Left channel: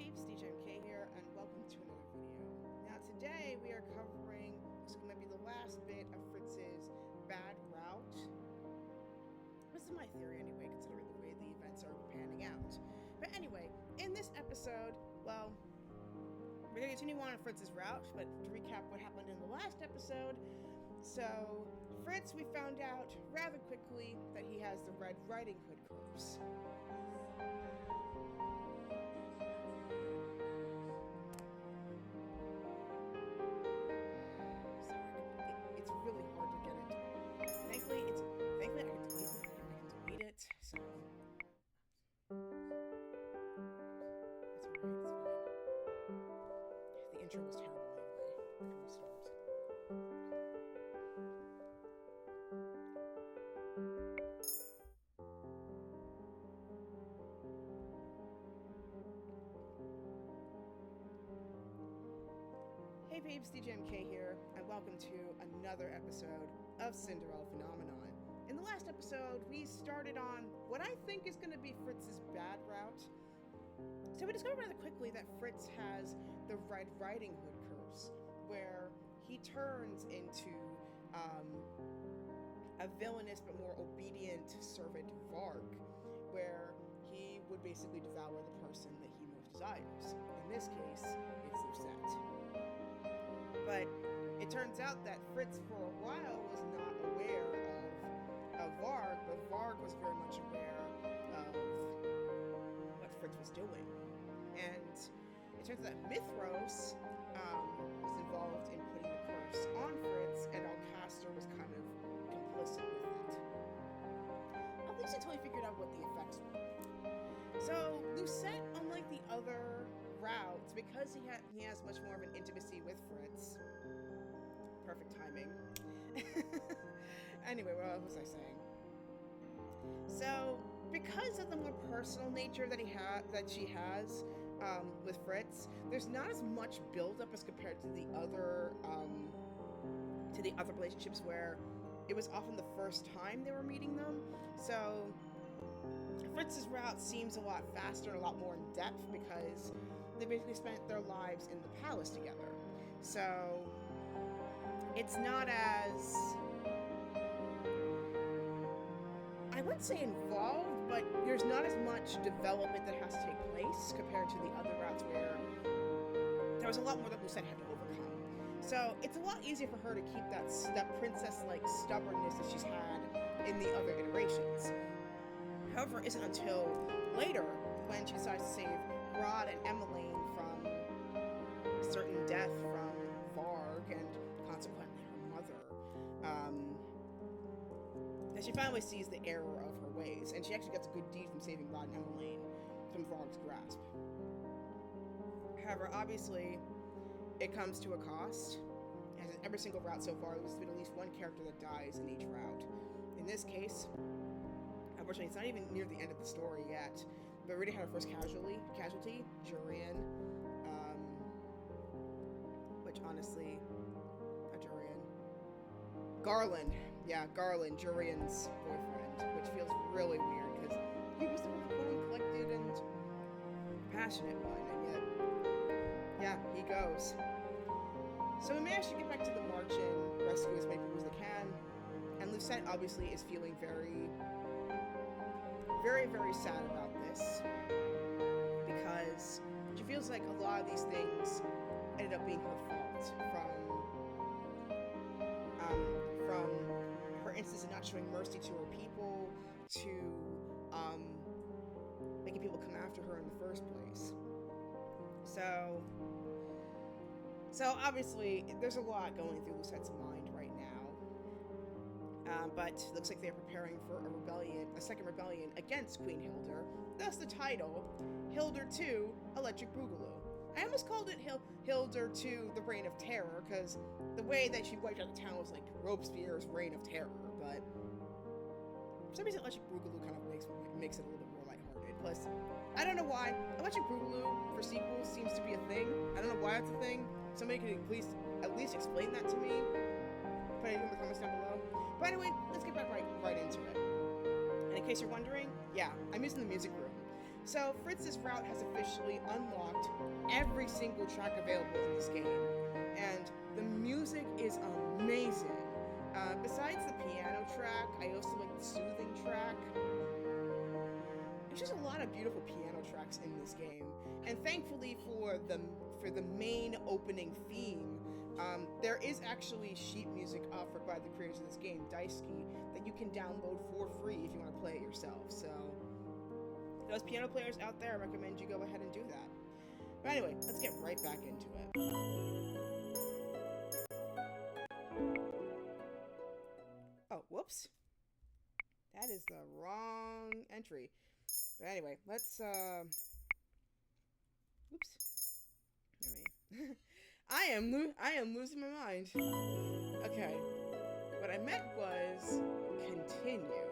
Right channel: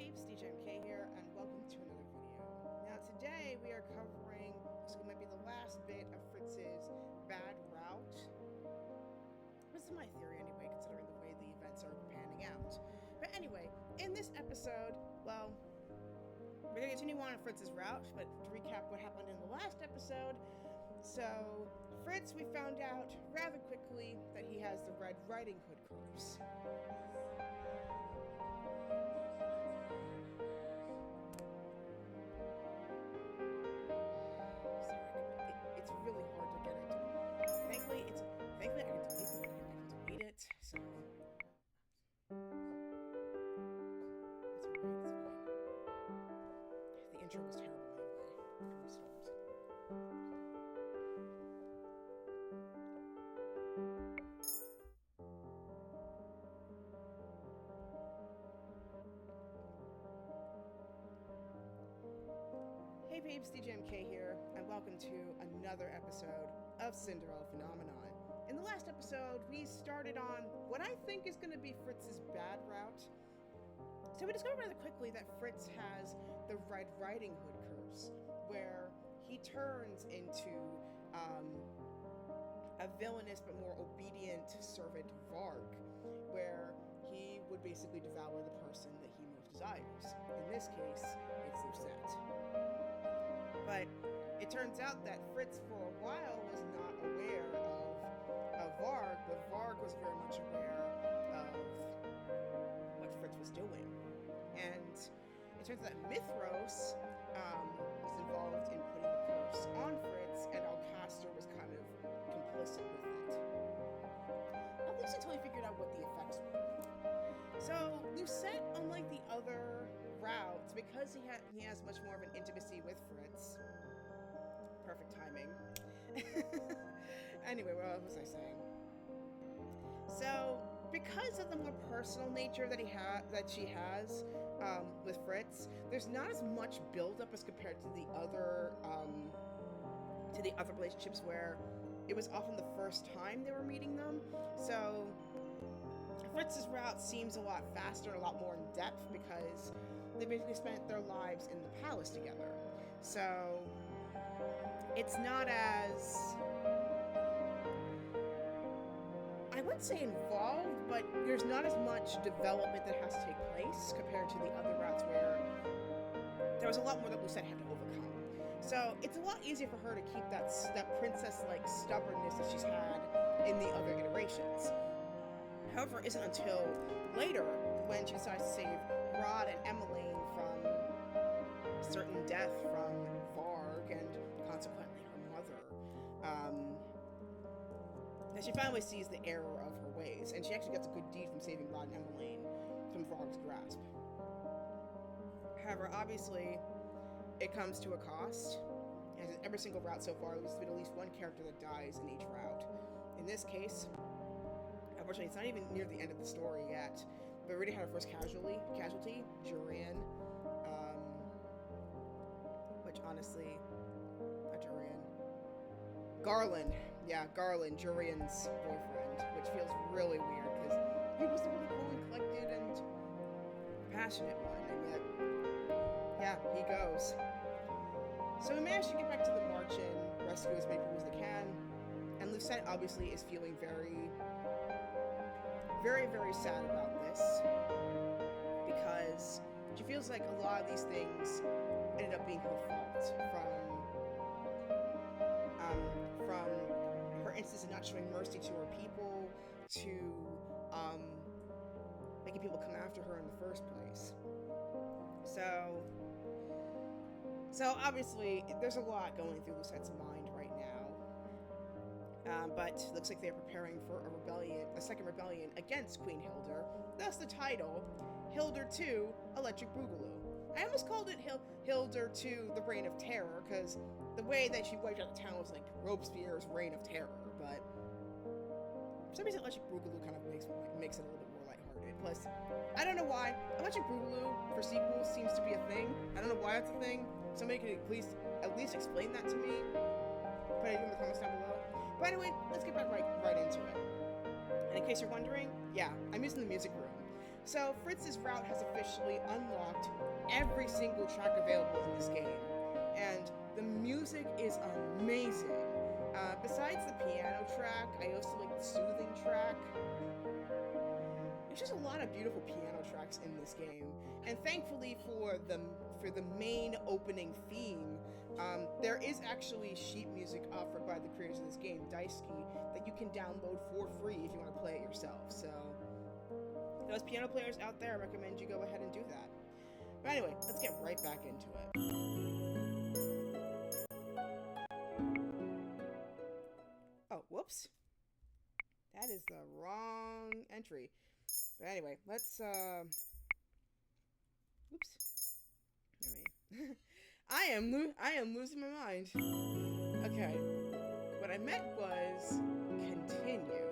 peeps, DJMK here, and welcome to another video. Now today we are covering, this might be the last bit of Fritz's bad route. This is my theory anyway, considering the way the events are panning out. But anyway, in this episode, well, we're going to continue on Fritz's route, but to recap what happened in the last episode, so Fritz, we found out rather quickly that he has the Red Riding Hood curse. It's really hard to get it. Thankfully, I can delete it. I can delete it. So it's alright. It's fine. The intro was terrible anyway. I can restart. Hey peeps, DJMK here, and welcome to another episode of Cinderella Phenomenon. In the last episode, we started on what I think is going to be Fritz's bad route. So we discovered rather quickly that Fritz has the Red Riding Hood curse, where he turns into a villainous but more obedient servant Varg, where he would basically devour the person that he most desires. In this case, it's Lucette. But it turns out that Fritz, for a while, was not aware of Varg, but Varg was very much aware of what Fritz was doing. And it turns out that Mithros was involved in putting the curse on Fritz, and Alcaster was kind of complicit with it. At least until he figured out what the effects were. So Lucette, unlike the other routes, because he has much more of an intimacy with Fritz. Perfect timing. Anyway, what was I saying? So, because of the more personal nature that she has with Fritz, there's not as much buildup as compared to the other relationships where it was often the first time they were meeting them. So Fritz's route seems a lot faster and a lot more in depth because they basically spent their lives in the palace together. So it's not as, I wouldn't say involved, but there's not as much development that has to take place compared to the other routes where there was a lot more that Lucette had to overcome. So it's a lot easier for her to keep that princess-like stubbornness that she's had in the other iterations. However, it isn't until later when she decides to save Rod and Emmeline from certain death from Varg and consequently her mother, that she finally sees the error of her ways, and she actually gets a good deed from saving Rod and Emmeline from Varg's grasp. However, obviously, it comes to a cost, and in every single route so far, there's been at least one character that dies in each route. In this case, unfortunately, it's not even near the end of the story yet, but we already had our first casualty, Jurian, which honestly, not Jurian, Garland, Jurian's boyfriend, which feels really weird, because he was the really cool and collected and passionate one, and yet, yeah, he goes. So we managed to get back to the march and rescue as many people as they can, and Lucette obviously is feeling very, very, very sad about this, because she feels like a lot of these things ended up being her fault, from her instance of not showing mercy to her people, to making people come after her in the first place. So obviously there's a lot going through Lucette's mind right now. But looks like they're preparing for a second rebellion against Queen Hilda. Thus the title, Hilda II, Electric Boogaloo. I almost called it Hilda II, The Reign of Terror, because the way that she wiped out the town was like Robespierre's Reign of Terror, but for some reason Electric Boogaloo kind of makes it a little bit more lighthearted. Plus, I don't know why, Electric Boogaloo for sequels seems to be a thing. I don't know why it's a thing. Somebody could at least explain that to me. Put it in the comments down below. But anyway, let's get back right into it. And in case you're wondering, yeah, I'm using the music room. So Fritz's route has officially unlocked every single track available in this game, and the music is amazing. Besides the piano track, I also like the soothing track. There's just a lot of beautiful piano tracks in this game, and thankfully for the main opening theme, there is actually sheet music offered by the creators of this game, Daisuke, that you can download for free if you want to play it yourself. So, those piano players out there, I recommend you go ahead and do that. But anyway, let's get right back into it. Oh, whoops. That is the wrong entry. But anyway, let's, oops. I am losing my mind. Okay. What I meant was continue.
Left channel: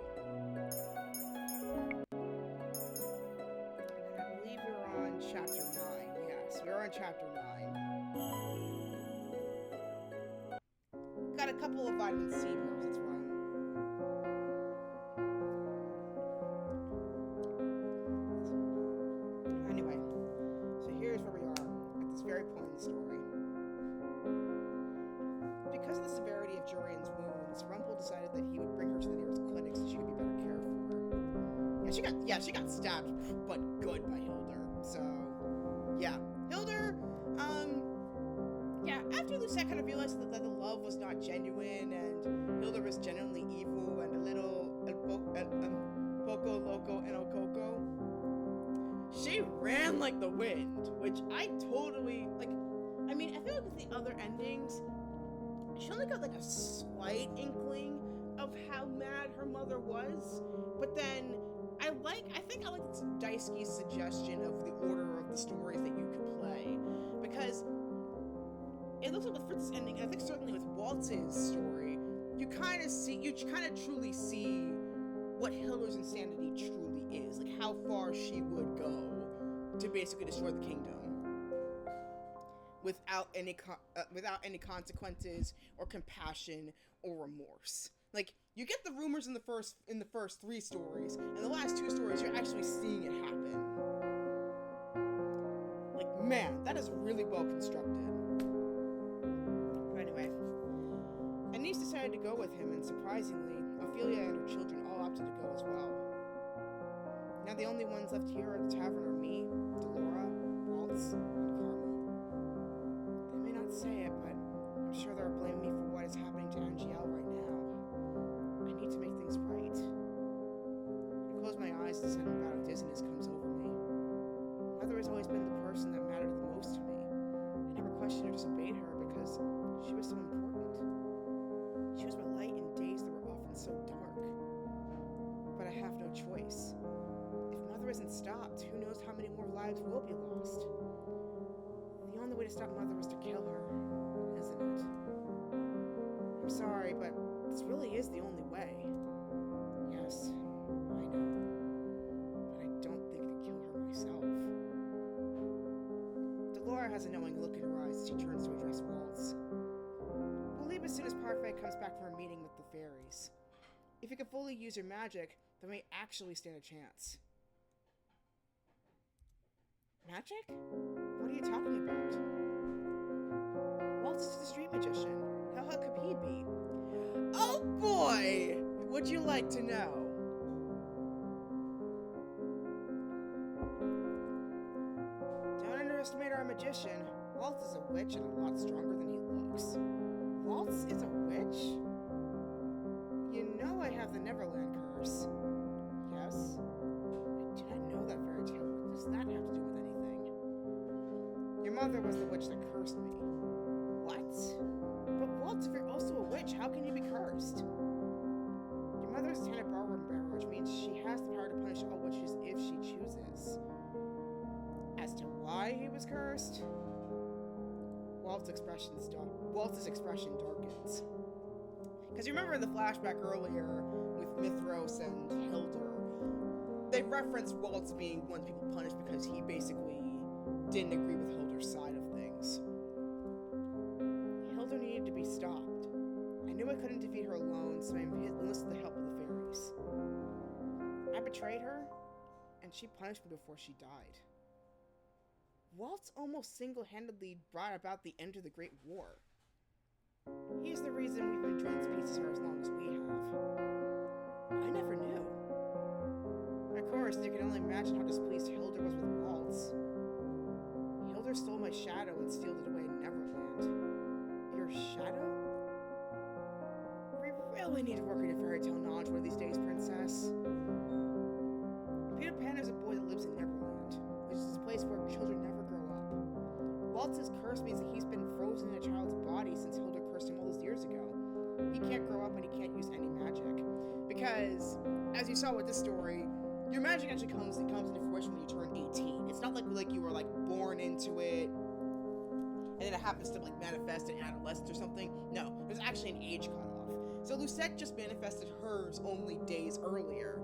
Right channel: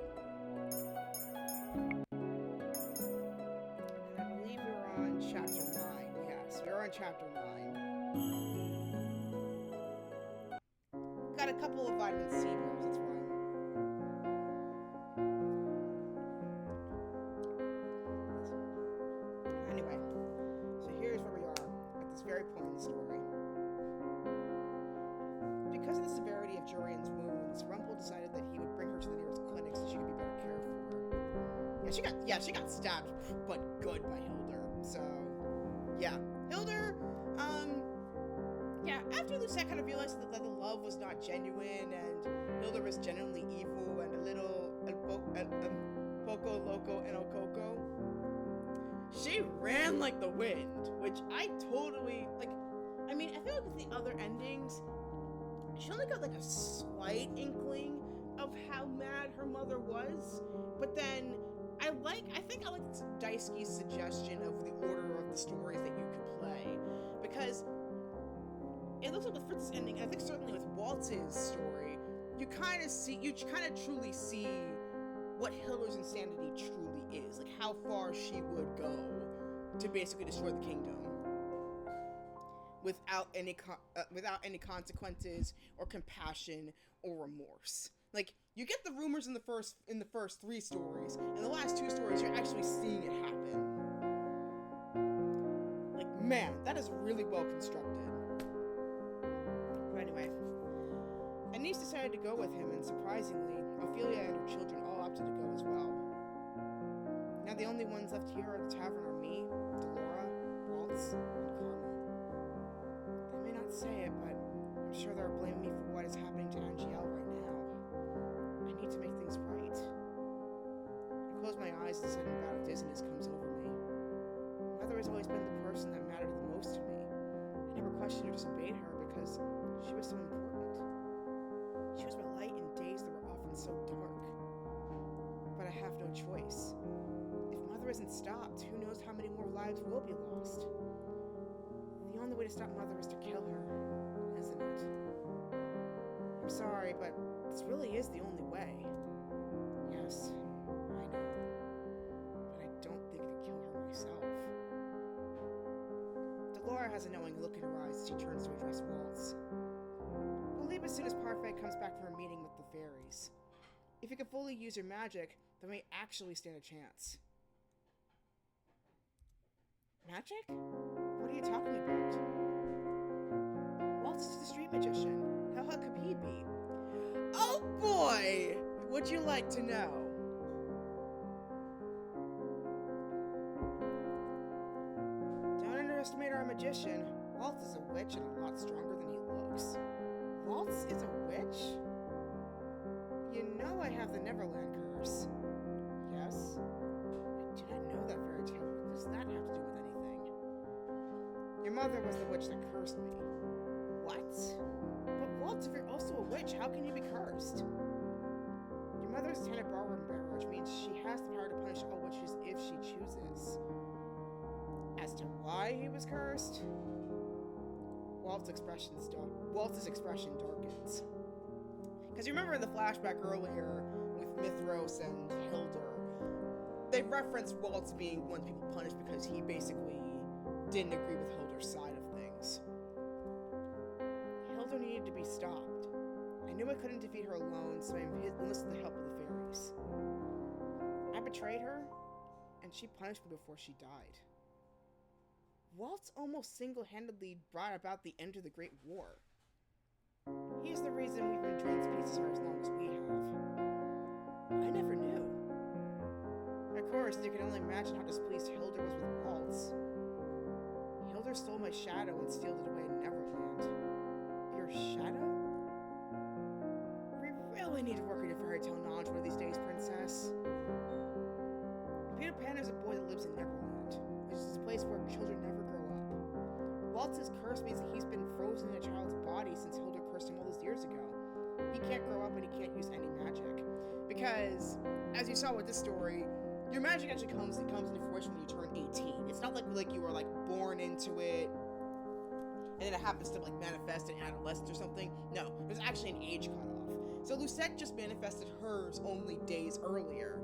And I believe we were on chapter 9. Yes, we were on chapter 9. Got a couple of vitamin C pills, that's why. Anyway, so here's where we are at this very point in the story. Because of the severity of Jurian's wounds, Rumpel decided that he would bring her to the nearest clinic so she could be better cared for. Yeah, she got stabbed, but good by Hildur. So, yeah. Hildur, after Lucette kind of realized that the love was not genuine and Hildur was genuinely evil and a little poco loco and coco, she ran like the wind, which I totally, like, I mean, I feel like with the other endings, she only got like a slight inkling of how mad her mother was, but then I think I like Daisuke's suggestion of the order of the stories that you could play, because it looks like with Fritz's ending, and I think certainly with Waltz's story, you kind of truly see what Hildur's insanity truly is, like how far she would go to basically destroy the kingdom without any consequences or compassion or remorse. Like, you get the rumors in the first 3 stories, and the last 2 stories you're actually seeing it happen. Like, man, that is really well constructed. But anyway, Anise decided to go with him, and surprisingly, Ophelia and her children all opted to go as well. Now the only ones left here at the tavern are me, Delora, Waltz, and Karma. They may not say it, but I'm sure they're blaming me for what is happening to Angiel right now. I need to make things right. I close my eyes and a sudden bout of dizziness comes over me. Mother has always been the person that mattered the most to me. I never questioned or disobeyed her because she was so important. She was my light in days that were often so dark. But I have no choice. If Mother isn't stopped, who knows how many more lives will be lost? The only way to stop Mother is to kill her, isn't it? I'm sorry, but this really is the only way. Yes, I know. But I don't think I could kill her myself. Delora has a knowing look in her eyes as she turns to address Waltz. We'll leave as soon as Parfait comes back from her meeting with the fairies. If you can fully use your magic, then we actually stand a chance. Magic? What are you talking about? Waltz is the street magician. How could he be? Oh boy! Would you like to know? Don't underestimate our magician. Waltz is a witch and a lot stronger than he looks. Waltz is a witch? You know I have the Neverland curse. Yes? I do not know that fairy tale. What does that have to do with anything? Your mother was the witch that cursed me. What? But Waltz, if you're also a witch, how can you be cursed? Your mother is Lieutenant Barber, which means she has the power to punish all witches if she chooses. As to why he was cursed, Waltz's expression darkens. Because you remember in the flashback earlier with Mithros and Hildur, they referenced Waltz being one of the people punished because he basically didn't agree with Hildur's side of things. Hildur needed to be stopped. I knew I couldn't defeat her alone, so I enlisted the help of the fairies. I betrayed her, and she punished me before she died. Waltz almost single-handedly brought about the end of the Great War. He's the reason we've been joined pieces for as long as we have. I never knew. Of course, you can only imagine how displeased Hilda was with Waltz. Hilda stole my shadow and sealed it away in Neverland. Your shadow? We really need to work on your fairy tale knowledge one of these days, Princess. Peter Pan is a boy that lives in Neverland, which is a place where children never grow up. Waltz's curse means that he's been frozen in a child's body since Hilda cursed him all those years ago. He can't grow up and he can't use any magic. Because, as you saw with this story, your magic actually comes into fruition when you turn 18. It's not like you were like born into it and then it happens to like manifest in adolescence or something. No, there's actually an age cutoff. So Lucette just manifested hers only days earlier,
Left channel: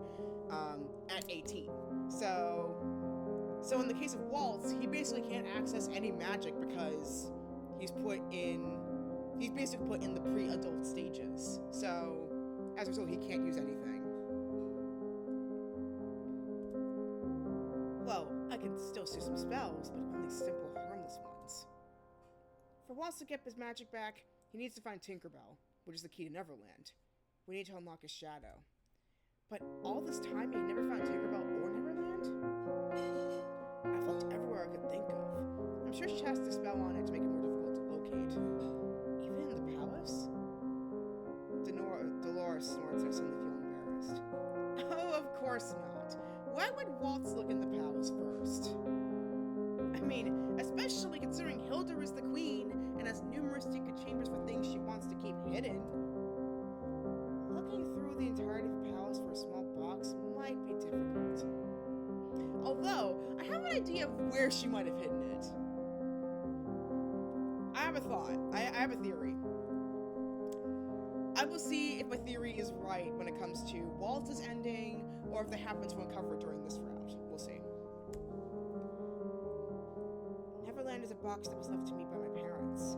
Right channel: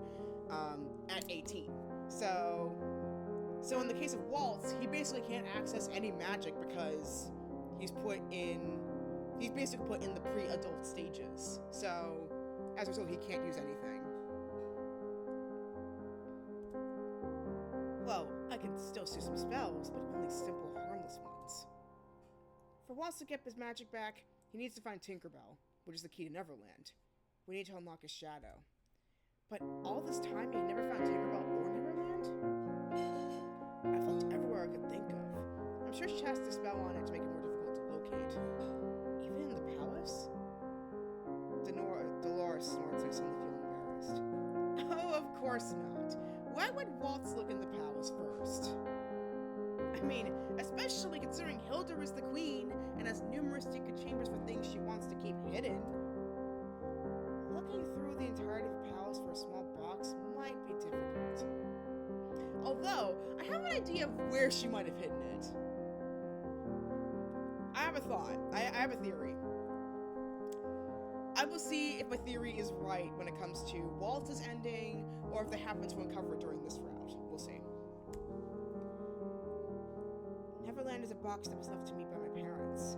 at 18. So in the case of Waltz, he basically can't access any magic because he's basically put in the pre-adult stages. So as a result, he can't use anything. Well, I can still see some spells, but only simple, harmless ones. For Waltz to get his magic back, he needs to find Tinkerbell, which is the key to Neverland. We need to unlock his shadow. But all this time, he never found Tinkerbell or Neverland? I've looked everywhere I could think of. I'm sure she has a spell on it to make it more difficult to locate. Even in the palace? Dolores snorts and I suddenly feel embarrassed. Oh, of course not. Why would Waltz look in the palace first? I mean, especially considering Hilda is the queen and has numerous secret chambers for things she wants to keep hidden. Looking through the entirety of the palace for a small box might be difficult. Although, I have an idea of where she might have hidden it. I have a thought. I have a theory. I will see if my theory is right when it comes to Waltz's ending, or if they happen to uncover it during this route. We'll see. Neverland is a box that was left to me by my parents.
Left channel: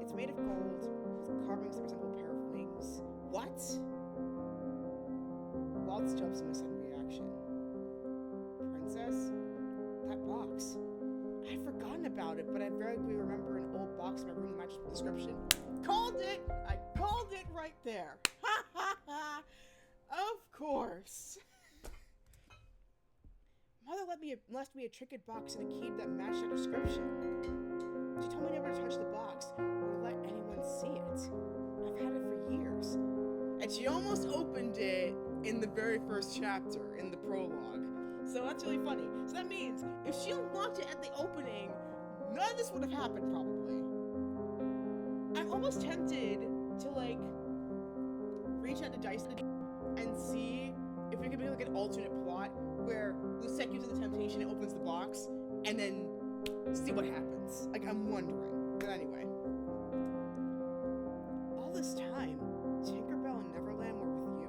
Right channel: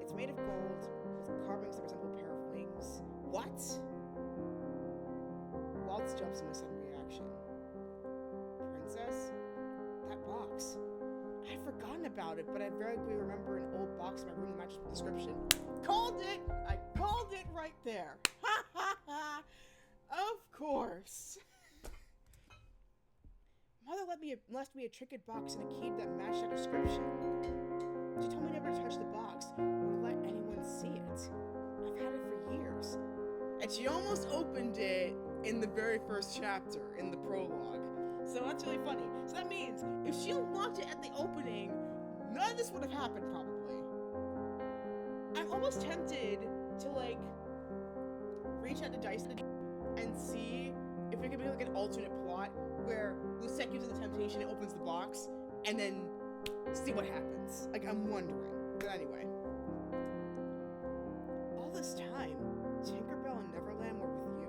It's made of gold, with carvings that resemble a pair of wings. What? Waltz jumps in a sudden reaction. Princess? That box. I'd forgotten about it, but I vaguely remember an old box in my room that matches the description. Called it! I called it right there. Ha ha ha! Of course. Mother left me a trinket box and a key that matched that description. She told me never to touch the box or let anyone see it. I've had it for years. And she almost opened it in the very first chapter, in the prologue. So that's really funny. So that means if she unlocked it at the opening, none of this would have happened probably. I'm almost tempted to like reach out to Dice and see if it could be like an alternate plot where Lucette gives it the temptation, it opens the box, and then see what happens. Like, I'm wondering. But anyway. All this time, Tinkerbell and Neverland were with you?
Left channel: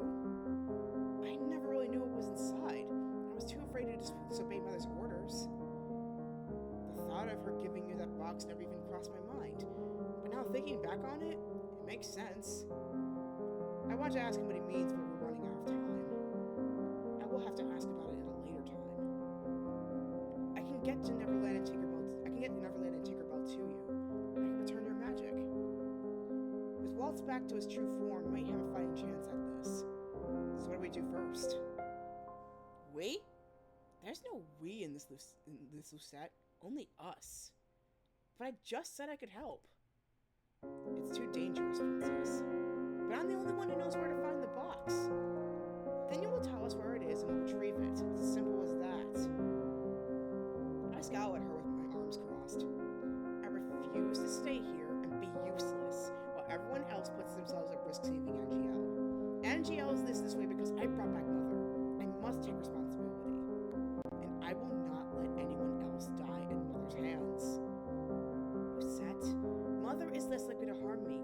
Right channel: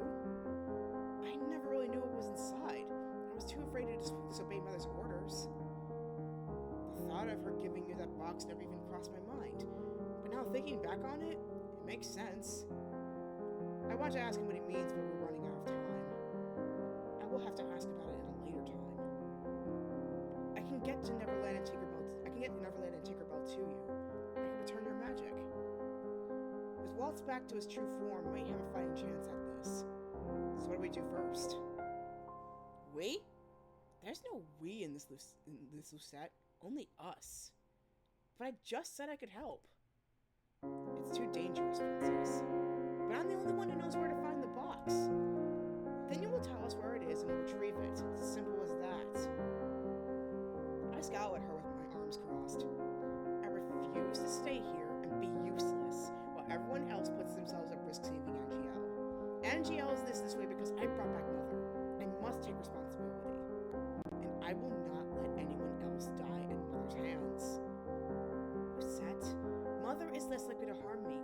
I never really knew what was inside. I was too afraid to disobey Mother's orders. The thought of her giving you that box never even crossed my mind. But now thinking back on it, it makes sense. I want to ask him what he means, but we're running out of time. I will have to ask about it in a later time. I can get Neverland and Tinkerbell to you. I can return your magic. With Waltz back to his true form, we might have a fighting chance at this. So what do we do first? We? There's no we in this Lucette. Only us. But I just said I could help. It's too dangerous, Princess. But I'm the only one who knows where to find the box. Then you will tell us where it is and we'll retrieve it. It's as simple as that. I scowl at her with my arms crossed. I refuse to stay here and be useless while everyone else puts themselves at risk saving Angel. Angel is this way because I brought back Mother. I must take responsibility. And I will not let anyone else die in Mother's hands. Lucette, Mother is less likely to harm me.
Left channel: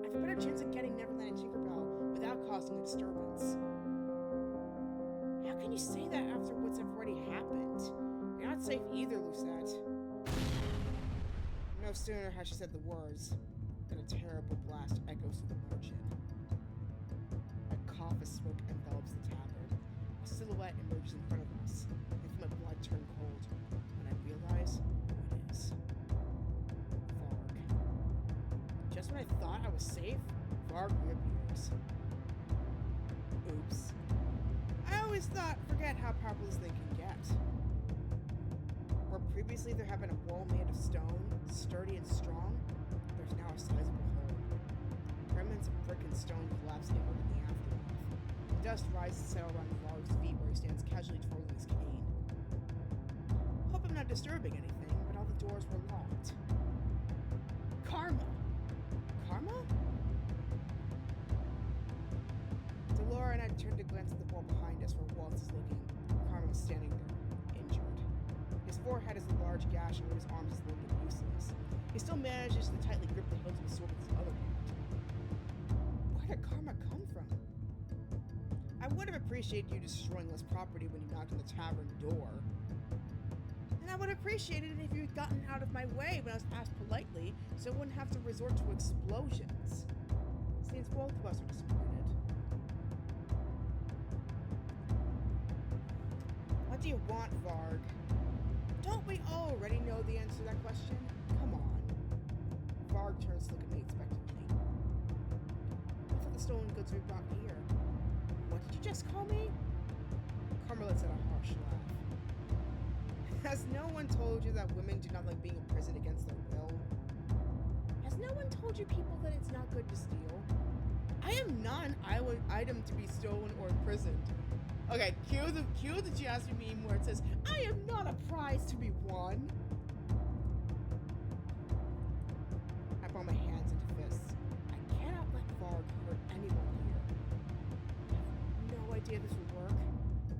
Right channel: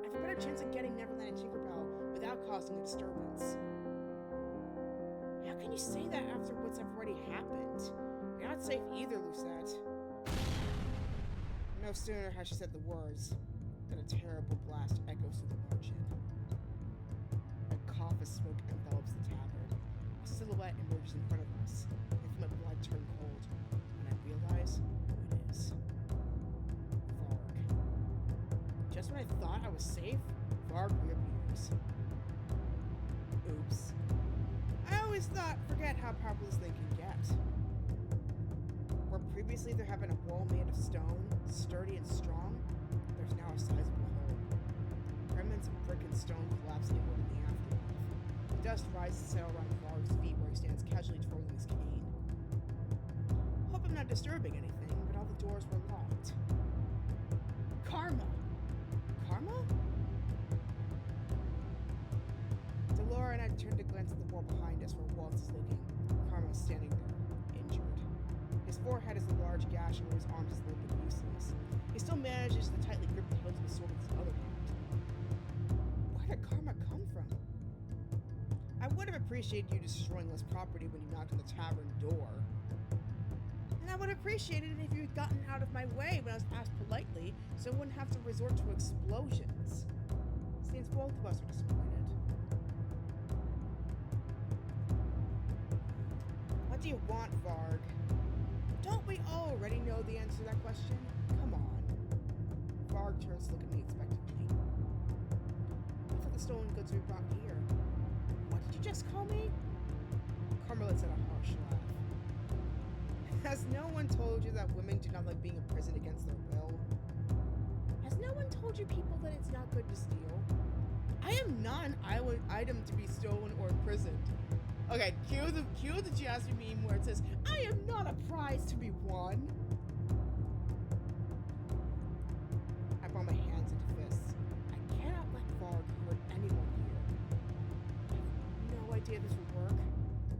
I have a better chance of getting Neverland and Tinkerbell without causing a disturbance. How can you say that after what's already happened? You're not safe either, Lucette. No sooner has she said the words than a terrible blast echoes through the margin. A cough of smoke envelops the tavern. A silhouette emerges in front of us. thought I was safe? Varg reappears. Oops. I always forget how powerful this thing can get. Where previously there had been a wall made of stone, sturdy and strong, there's now a sizable hole. Remnants of brick and stone collapse inward in the aftermath. The dust rises to settle around Varg's feet where he stands casually twirling his cane. Hope I'm not disturbing anything, but all the doors were locked. Karma! Karma? Delora and I turned to glance at the wall behind us where Waltz is looking. Karma is standing there, injured. His forehead is a large gash and where his arms is limp and useless. He still manages to tightly grip the hilt of his sword with his other hand. Where did Karma come from? I would have appreciated you destroying less property when you knocked on the tavern door. And I would have appreciated it if you had gotten out of my way when I was asked politely, so I wouldn't have to resort to explosions. Seems both of us are disappointed. What do you want, Varg? Don't we already know the answer to that question? Come on. Varg turns to look at me expectantly. I thought the stolen goods we brought here. What did you just call me? Karma lets out a harsh laugh. Has no one told you that women do not like being imprisoned against their will? Has no one told you people that it's not good to steal? I am not an item to be stolen or imprisoned. Okay, cue the Jasmine meme where it says, I am not a prize to be won. I brought my hands into fists. I cannot let Varg hurt anyone here. I have no idea this will work,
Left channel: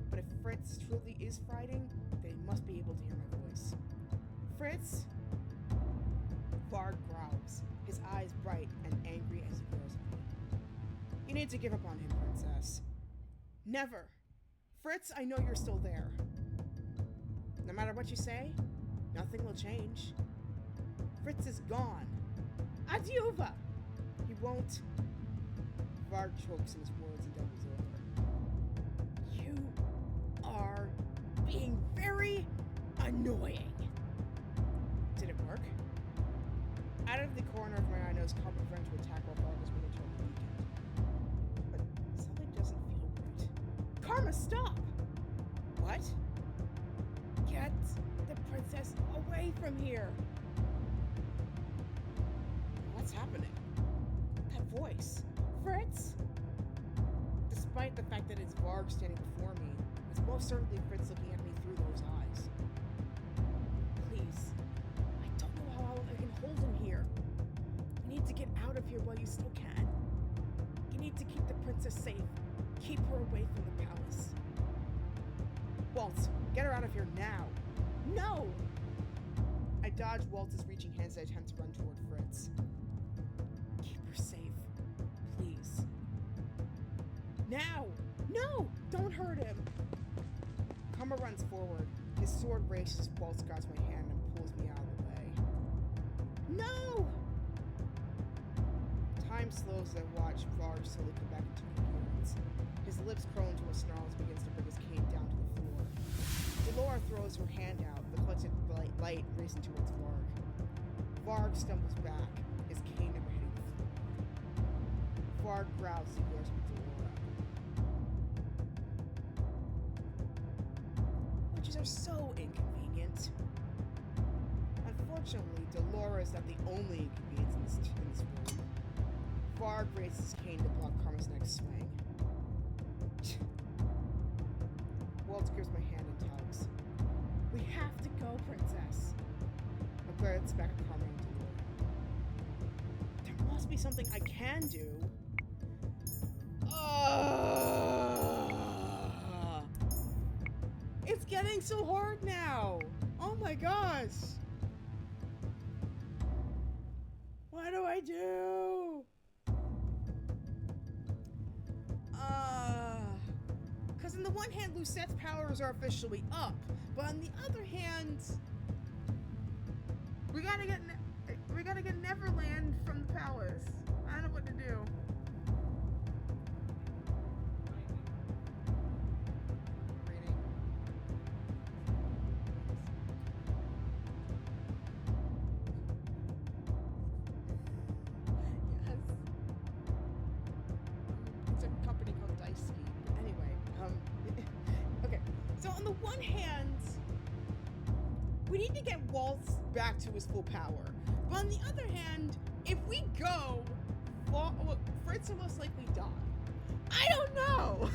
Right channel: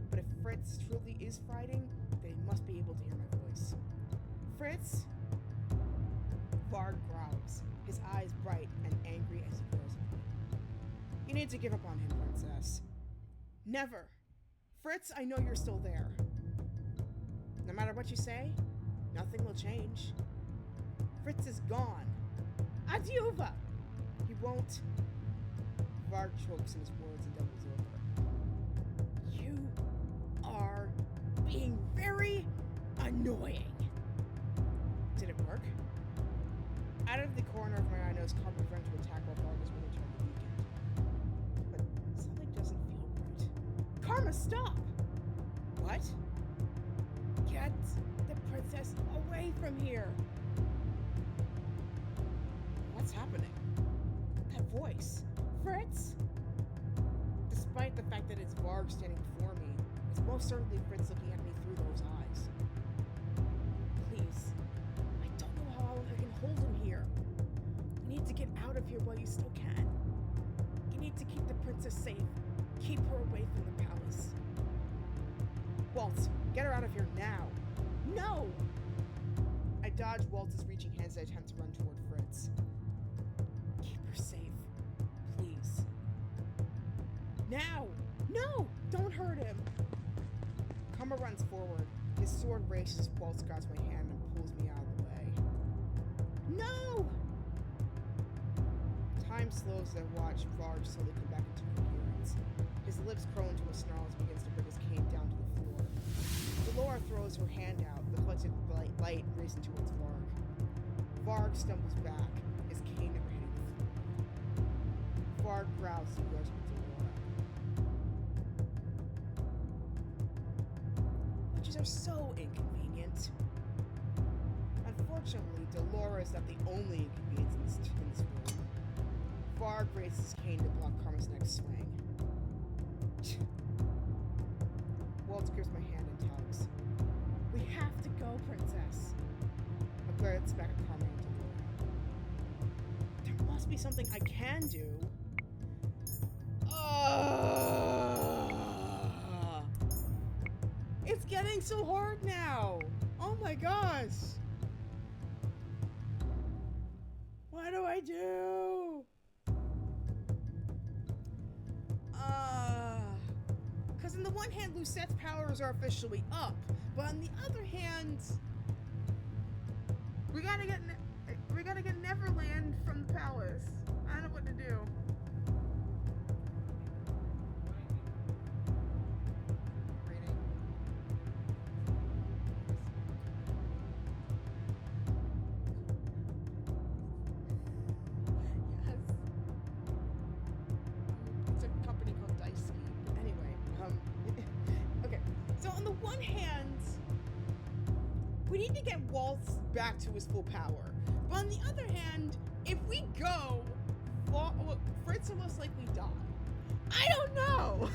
but if Fritz truly is fighting, then he must be able to hear my voice. Fritz? Varg growls, his eyes bright and angry as he glares at me. You need to give up on him, Princess. Never. Fritz, I know you're still there. No matter what you say, nothing will change. Fritz is gone. Adiuva! He won't. Varg chokes in his words and doubles over. You are being very annoying. Did it work? Out of the corner of my eye, I noticed Karma preparing to attack while Varg was waiting until the weekend. But something doesn't feel right. Karma, stop! What? Get the princess away from here! What's happening? That voice. Fritz? Despite the fact that it's Varg standing before me, it's most certainly Fritz looking at me through those eyes. Please. I don't know how long I can hold him here. You need to get out of here while you still can. You need to keep the princess safe. Keep her away from the palace. Waltz, get her out of here now. No! I dodge Waltz's reaching hands as I attempt to run toward Fritz. Keep her safe, please. Now! No! Don't hurt him! Karma runs forward. His sword races as Waltz grabs my hand and pulls me out of the way. No! Time slows as I watch Varg slowly come back into coherence. His lips curl into a snarl as he begins to bring his cane down to the floor. Delora throws her hand out, the collected light racing towards Varg. Varg stumbles back, his cane never hitting the floor. Varg growls as he glares at Delora. Witches are so inconvenient. Unfortunately, Delora is not the only inconvenience in this room. Varg raises his cane to block Karma's next swing. Waltz grips my hand and tugs. We have to go, Princess. I glance back at Karma and Delora. There must be something I can do. It's getting so hard now. Oh my gosh. What do I do? Because on the one hand, Lucette's powers are officially up, but on the other hand, we gotta get Neverland from the palace. I don't know what to do. Reading. Yes. one hand, we need to get Waltz back to his full power. But on the other hand, if we go, Fritz will most likely die. I don't know.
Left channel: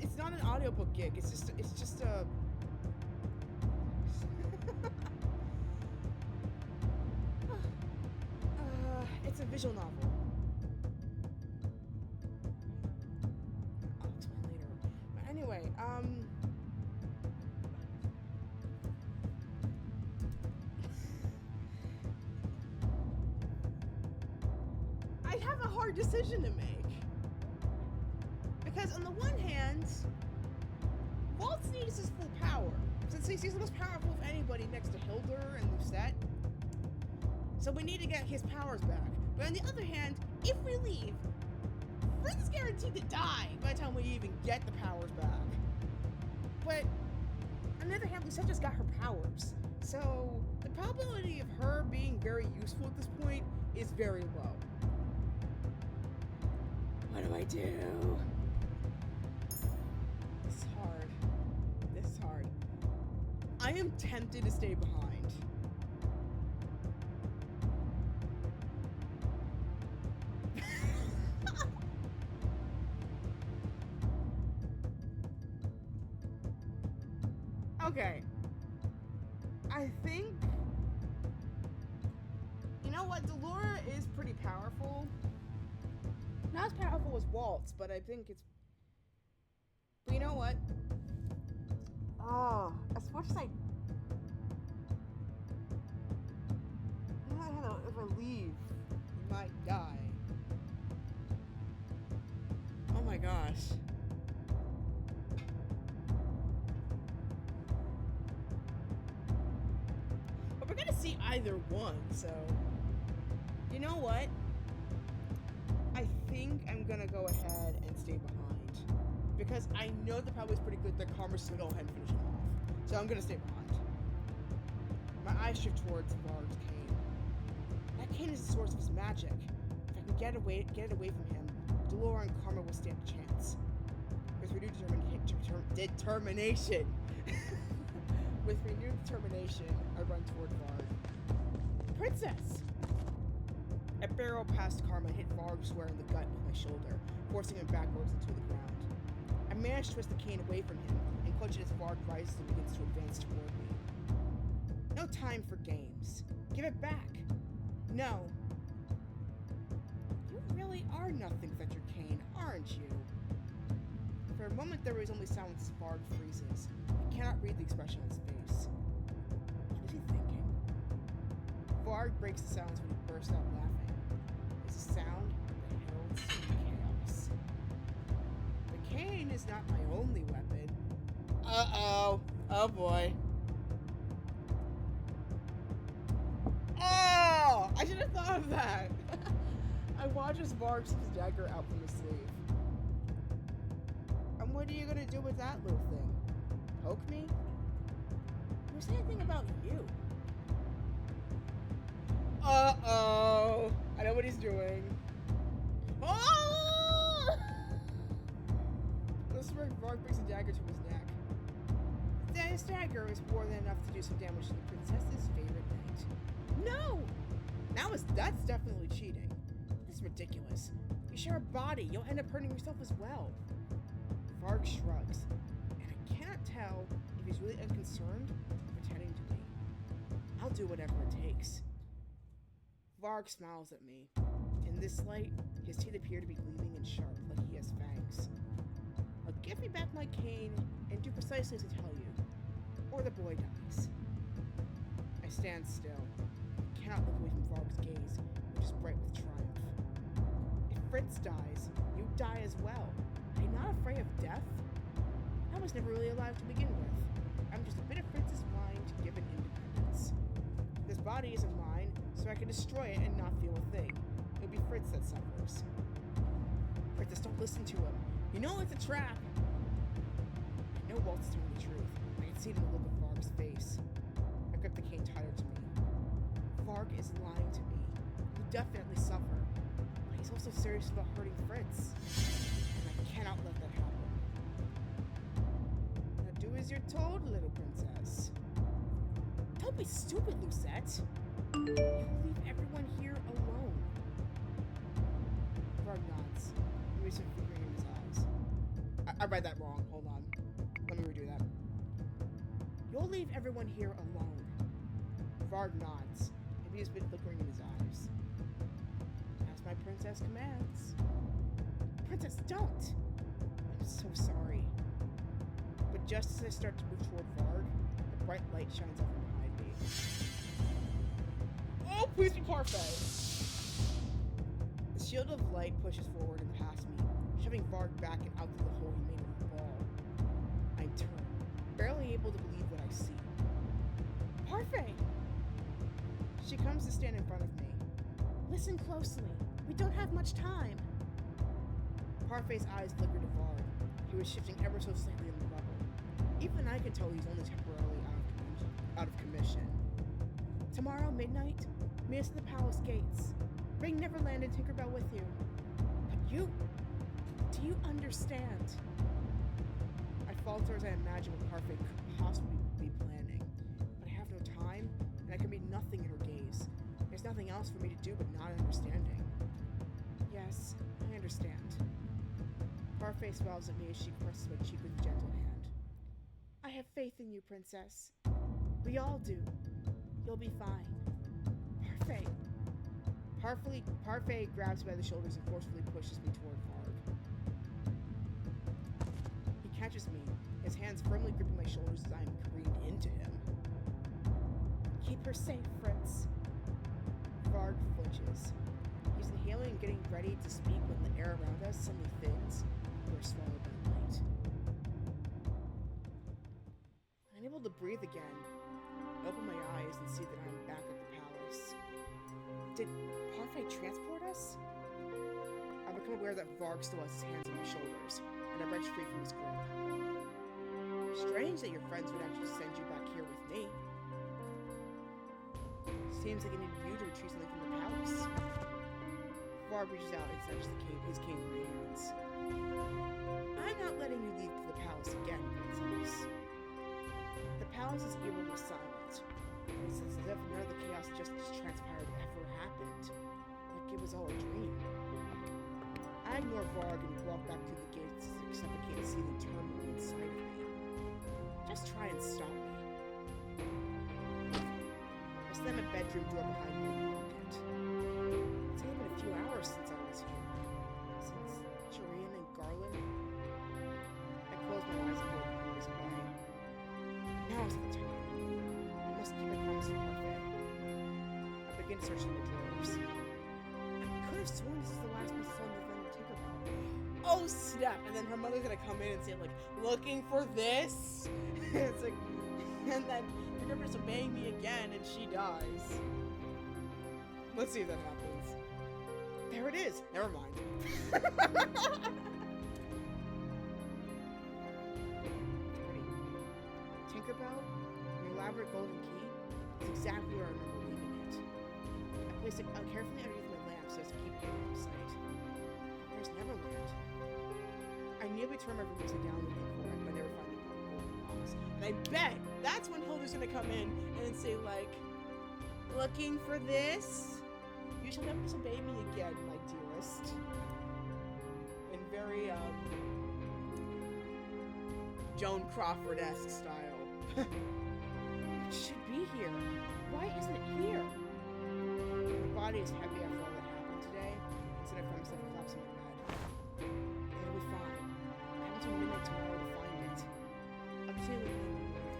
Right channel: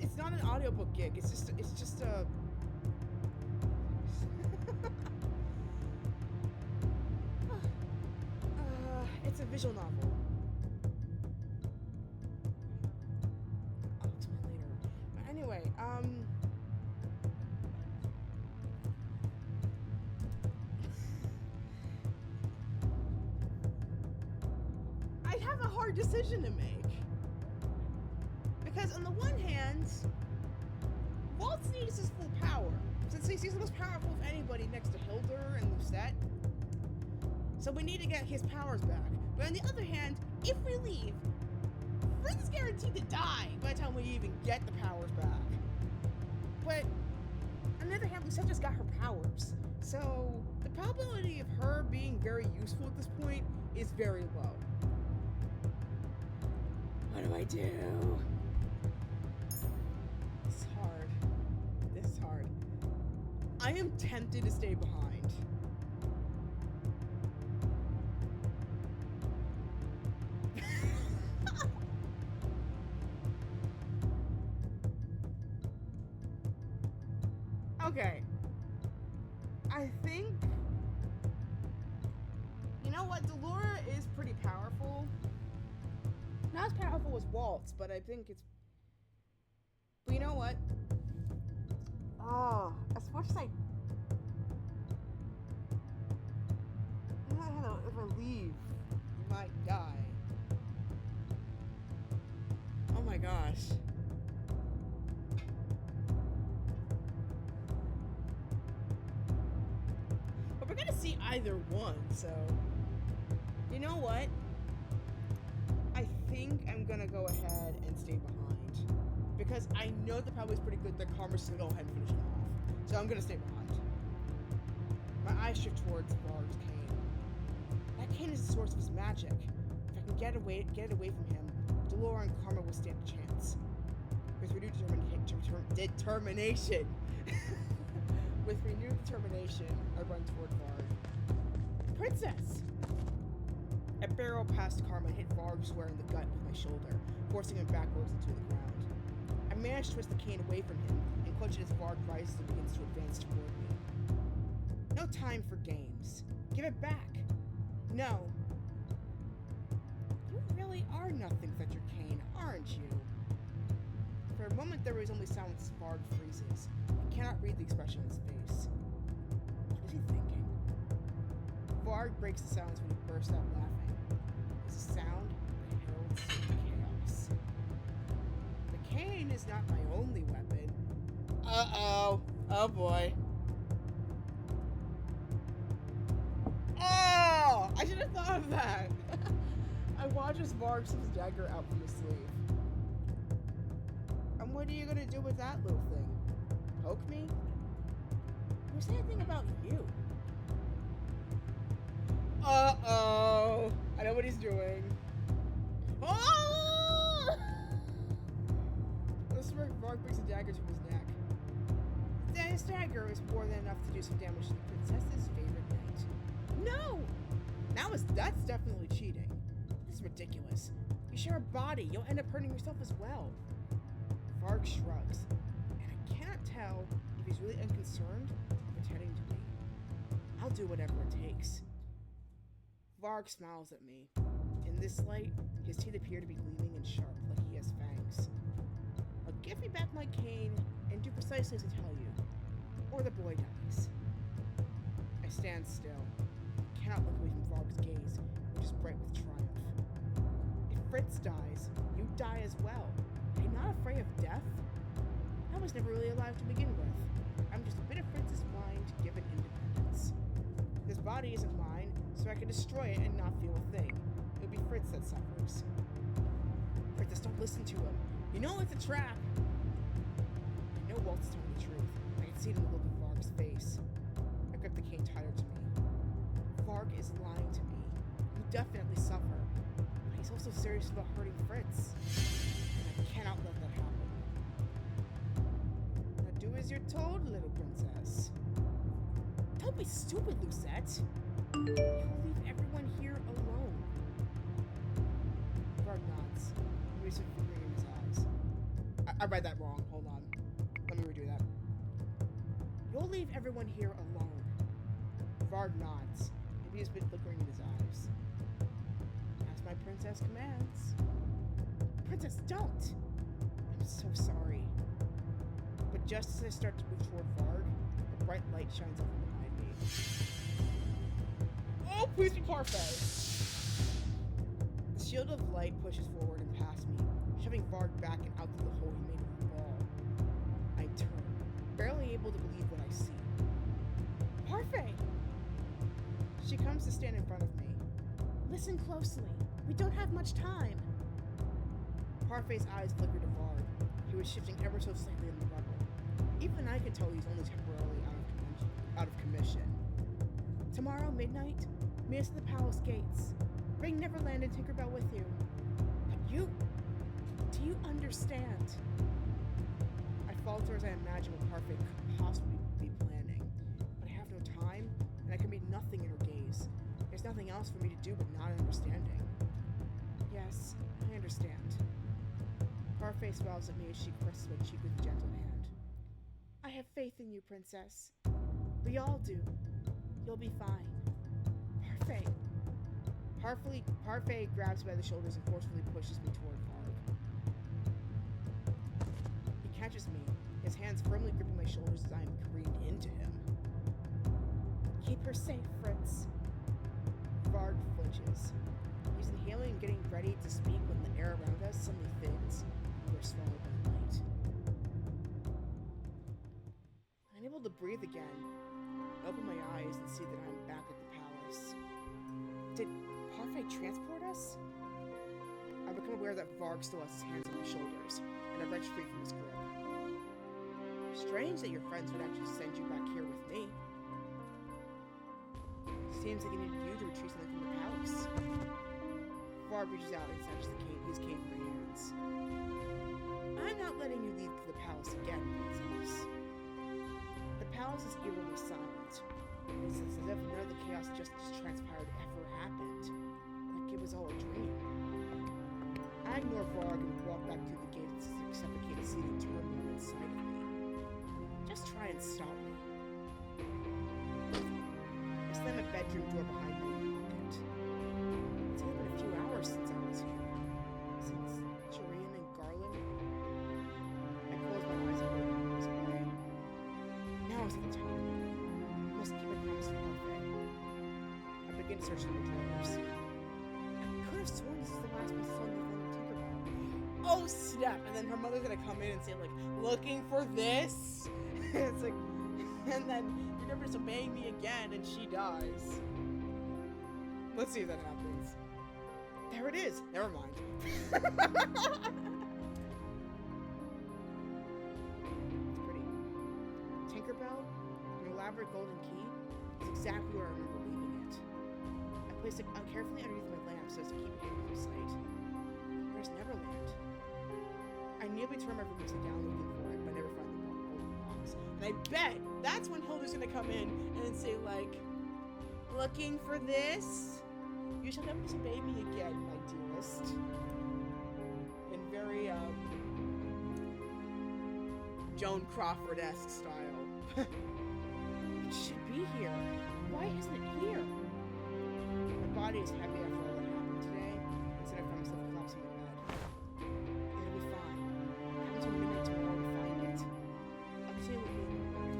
It's not an audiobook gig. It's just a. It's a visual novel. I'll explain later. But anyway, I have a hard decision to make. Because on the one hand, Waltz needs his full power, since he's the most powerful of anybody next to Hildur and Lucette. So we need to get his powers back. But on the other hand, if we leave, Fritz is guaranteed to die by the time we even get the powers back. But on the other hand, Lucette just got her powers. So the probability of her being very useful at this point is very low. What do I do? This is hard. This is hard. I am tempted to stay behind. Okay. I think... You know what? Delora is pretty powerful. Not as powerful as Waltz, but I think it's... But you know what? Oh, as much as I don't know, if I leave, you might die. Oh my gosh. But we're gonna see either one, so... You know what? I think I'm gonna go ahead and stay behind. Because I know the probably is pretty good that Karma's just gonna go ahead and finish him off. So I'm gonna stay behind. My eyes shift towards Varg's cane. That cane is the source of his magic. If I can get it away from him, Delora and Karma will stand a chance. With renewed determination. With renewed determination, I run toward Varg. Princess! I barrel past Karma and hit Varg square in the gut with my shoulder, forcing him backwards into the ground. I manage to twist the cane away from him and clutch it as Varg rises and begins to advance toward me. No time for games. Give it back. No. You really are nothing without your cane, aren't you? For a moment there was only silence as Varg freezes. I cannot read the expression on his face. What is he thinking? Varg breaks the silence when he bursts out laughing. It's a sound that heralds chaos. The cane is not my only weapon. Uh-oh. Oh boy. Oh! I should have thought of that. I watch as Varg slips his dagger out from his sleeve. And what are you gonna do with that little thing? Poke me? Who said anything about you? Uh-oh. I know what he's doing. Oh! Varg brings a dagger to his neck. His dagger is more than enough to do some damage to the princess's favorite knight. No! That's definitely cheating. This is ridiculous. You share a body, you'll end up hurting yourself as well. Varg shrugs, and I cannot tell if he's really unconcerned or pretending to be. I'll do whatever it takes. Varg smiles at me. In this light, his teeth appear to be gleaming and sharp, like he has fangs. I'll give me back my cane and do precisely as I tell you, or the boy dies. I stand still. I cannot look away from Varg's gaze, which is bright with triumph. If Fritz dies, you die as well. Are you not afraid of death? I was never really alive to begin with. I'm just a bit of Fritz's mind given independence. This body isn't mine, so I can destroy it and not feel a thing. It'll be Fritz that suffers. Princess, don't listen to him. You know it's a trap. I know Walt's telling the truth. I can see it in the look of Varg's face. I grip the cane tighter to me. Varg is lying to me. You definitely suffer. But he's also serious about hurting Fritz. cannot let that happen. Now do as you're told, little princess. Don't be stupid, Lucette. You'll leave everyone here alone. Varg nods. He was fingering in his eyes. I read that wrong. Hold on. Let me redo that. You'll leave everyone here alone. Varg nods. Maybe he's been flickering in his eyes. As my princess commands. Princess, don't! I'm so sorry. But just as I start to move toward Varg, a bright light shines up from behind me. Oh, please be parfait! The shield of light pushes forward and past me, shoving Varg back and out through the hole he made in the ball. I turn, barely able to believe what I see. Parfait! She comes to stand in front of me. Listen closely. We don't have much time. Parfait's eyes flickered to Varg. He was shifting ever so slightly in the rubble. Even I can tell he's only temporarily out of commission. Tomorrow, midnight, meet us at the palace gates. Bring Neverland and Tinkerbell with you. But you... do you understand? I falter as I imagine what Parfait could possibly be planning. But I have no time, and I can read nothing in her gaze. There's nothing else for me to do but not understanding. Yes, I understand. Parfait smiles at me as she presses my cheek with a gentle hand. I have faith in you, princess. We all do. You'll be fine. Parfait. Parfait grabs me by the shoulders and forcefully pushes me toward Varg. He catches me, his hands firmly gripping my shoulders as I am careened into him. Keep her safe, Fritz. Varg flinches. He's inhaling and getting ready to speak when the air around us suddenly thins and we're swallowed by light. Unable to breathe again, I open my eyes and see that I'm back at the palace. Did Parfait transport us? I become aware that Varg still has his hands on my shoulders, and I wrench free from his grip. Strange that your friends would actually send you back here with me. Seems like he needed you to retrieve something from the palace. Varg reaches out and snatches his cane from my hands. I'm not letting you leave the palace again, princess. The palace is eerily silent. It's as if none of the chaos just transpired ever happened. Like it was all a dream. I ignore Varg and walk back through the gates as I suffocate a seething turmoil inside of me. Just try and stop me. I slam a bedroom door behind me and lock it. It's only been a few hours since I was here. Since Shireen and Garland. I close my eyes and roll the memories away. Now is the time. I must keep my promise to Parfait. I begin to search through the drawers. I could have sworn this is the last place I saw Neverland and Tinkerbell. Oh snap! And then her mother's gonna come in and say like, looking for this? It's like, and then you're never disobeying me again and she dies. Let's see if that happens. There it is! Never mind. It's pretty. Tinkerbell, an elaborate golden key, is exactly where I remember leaving it. I placed it carefully underneath my lamp so as to keep it hidden from sight. But where's Neverland? I nearly turn my room upside down looking for it, but I never find the golden box. And I bet that's when Hilda's gonna come in and say like, looking for this? You shall never disobey me again, my dearest. In very, Joan Crawford-esque style. It should be here. Why isn't it here? My body is heavy after all that happened today, and so I find myself collapsing in bed. It'll be fine. I have until midnight tomorrow to find it. I'll continue looking in the morning.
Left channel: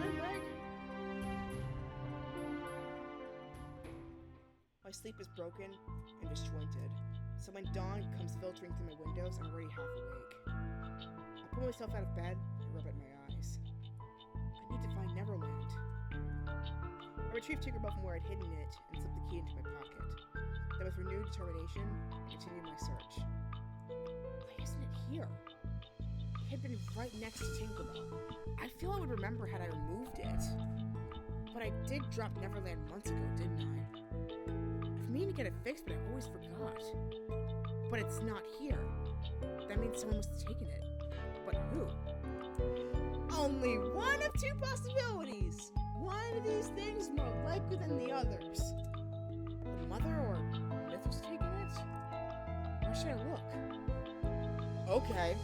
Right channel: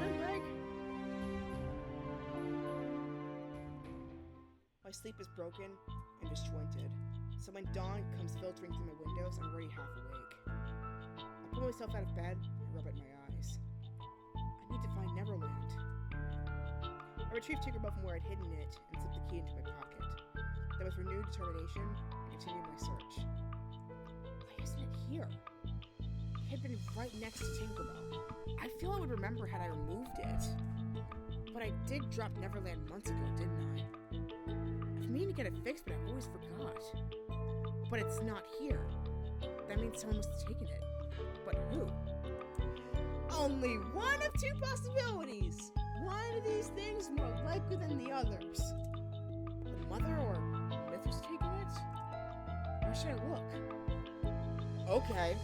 Good leg. My sleep is broken and disjointed, so when dawn comes filtering through my windows, I'm already half awake. I pull myself out of bed and rub at my eyes. I need to find Neverland. I retrieved Tinkerbell from where I'd hidden it and slipped the key into my pocket. Then with renewed determination, I continued my search. Why isn't it here? It had been right next to Tinkerbell. I feel I would remember had I removed it. But I did drop Neverland months ago, didn't I? I've been meaning to get it fixed, but I always forgot. But it's not here. That means someone must have taken it. But who? Only one of two possibilities. One of these things more likely than the others. The mother or Myth has taken it? Where should I look? Okay.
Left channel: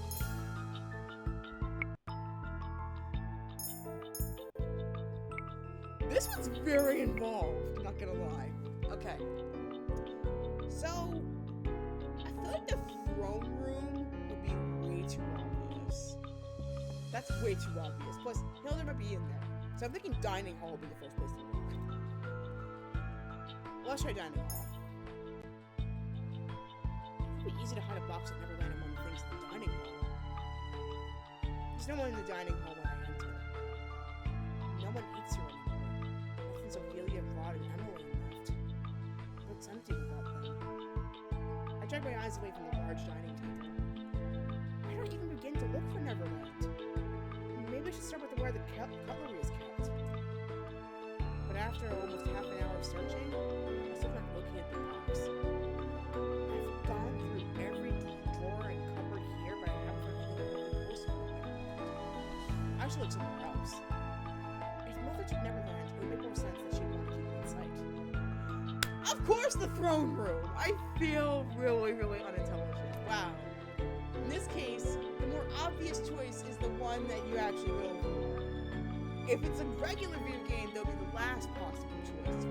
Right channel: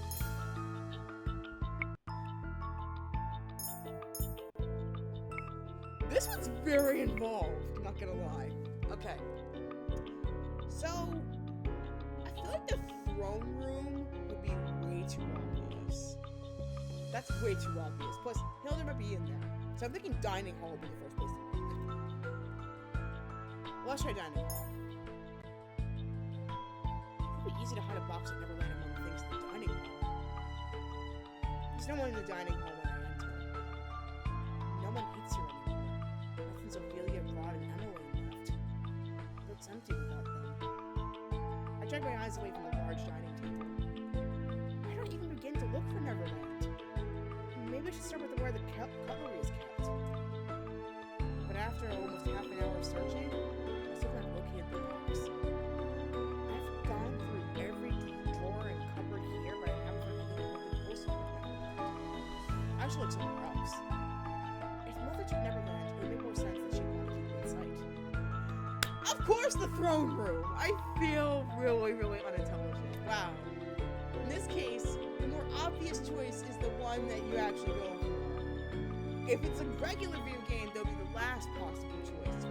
This one's very involved, not gonna lie. Okay. So, I feel like the throne room would be way too obvious. That's way too obvious. Plus, Hilda might be in there. So I'm thinking dining hall would be the first place to look. Well, let's try dining hall. It would be easy to hide a box at Neverland among the things in the dining hall. There's no one in the dining hall when I enter. No one eats here anymore. Nothing's Ophelia, Rod, and Emily left. It looks empty without them. I drag my eyes away from the large dining table. I don't even begin to look for Neverland. Maybe I should start with where the cutlery is kept. But after almost half an hour of searching, I still haven't located the box. I've gone through every drawer and cupboard here, but I haven't found anything really useful with Neverland. I should look somewhere else. If Mother took Neverland, it would make more sense that she'd want to keep it in sight. Of course, the throne room! I feel really, really unintelligent. Wow. In this case, the more obvious choice is the one that you actually go for. If it's a regular video game, they'll be the last possible choice.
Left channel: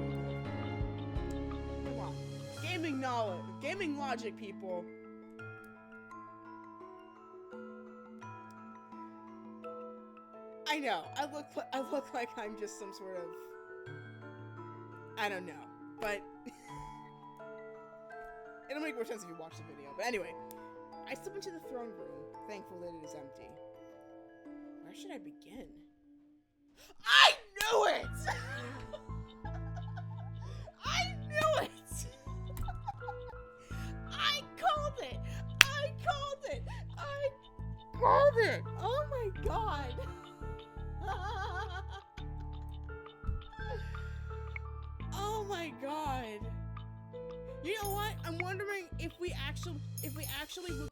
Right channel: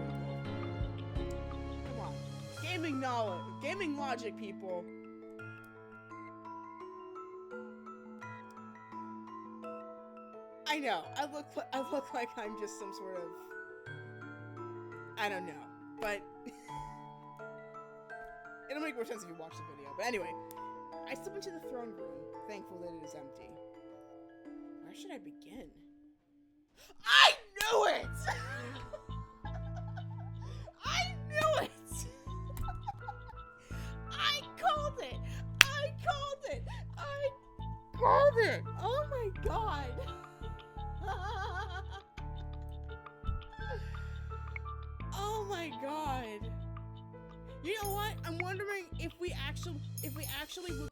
Come on. Gaming knowledge. Gaming logic, people. I know. I look like I'm just some sort of... I don't know. But... it'll make more sense if you watch the video. But anyway... I step into the throne room, thankful that it is empty. Where should I begin? I knew it! I knew it! I called it! I called it! I called it! Oh my god! Oh my god! You know what? I'm wondering if we actually looked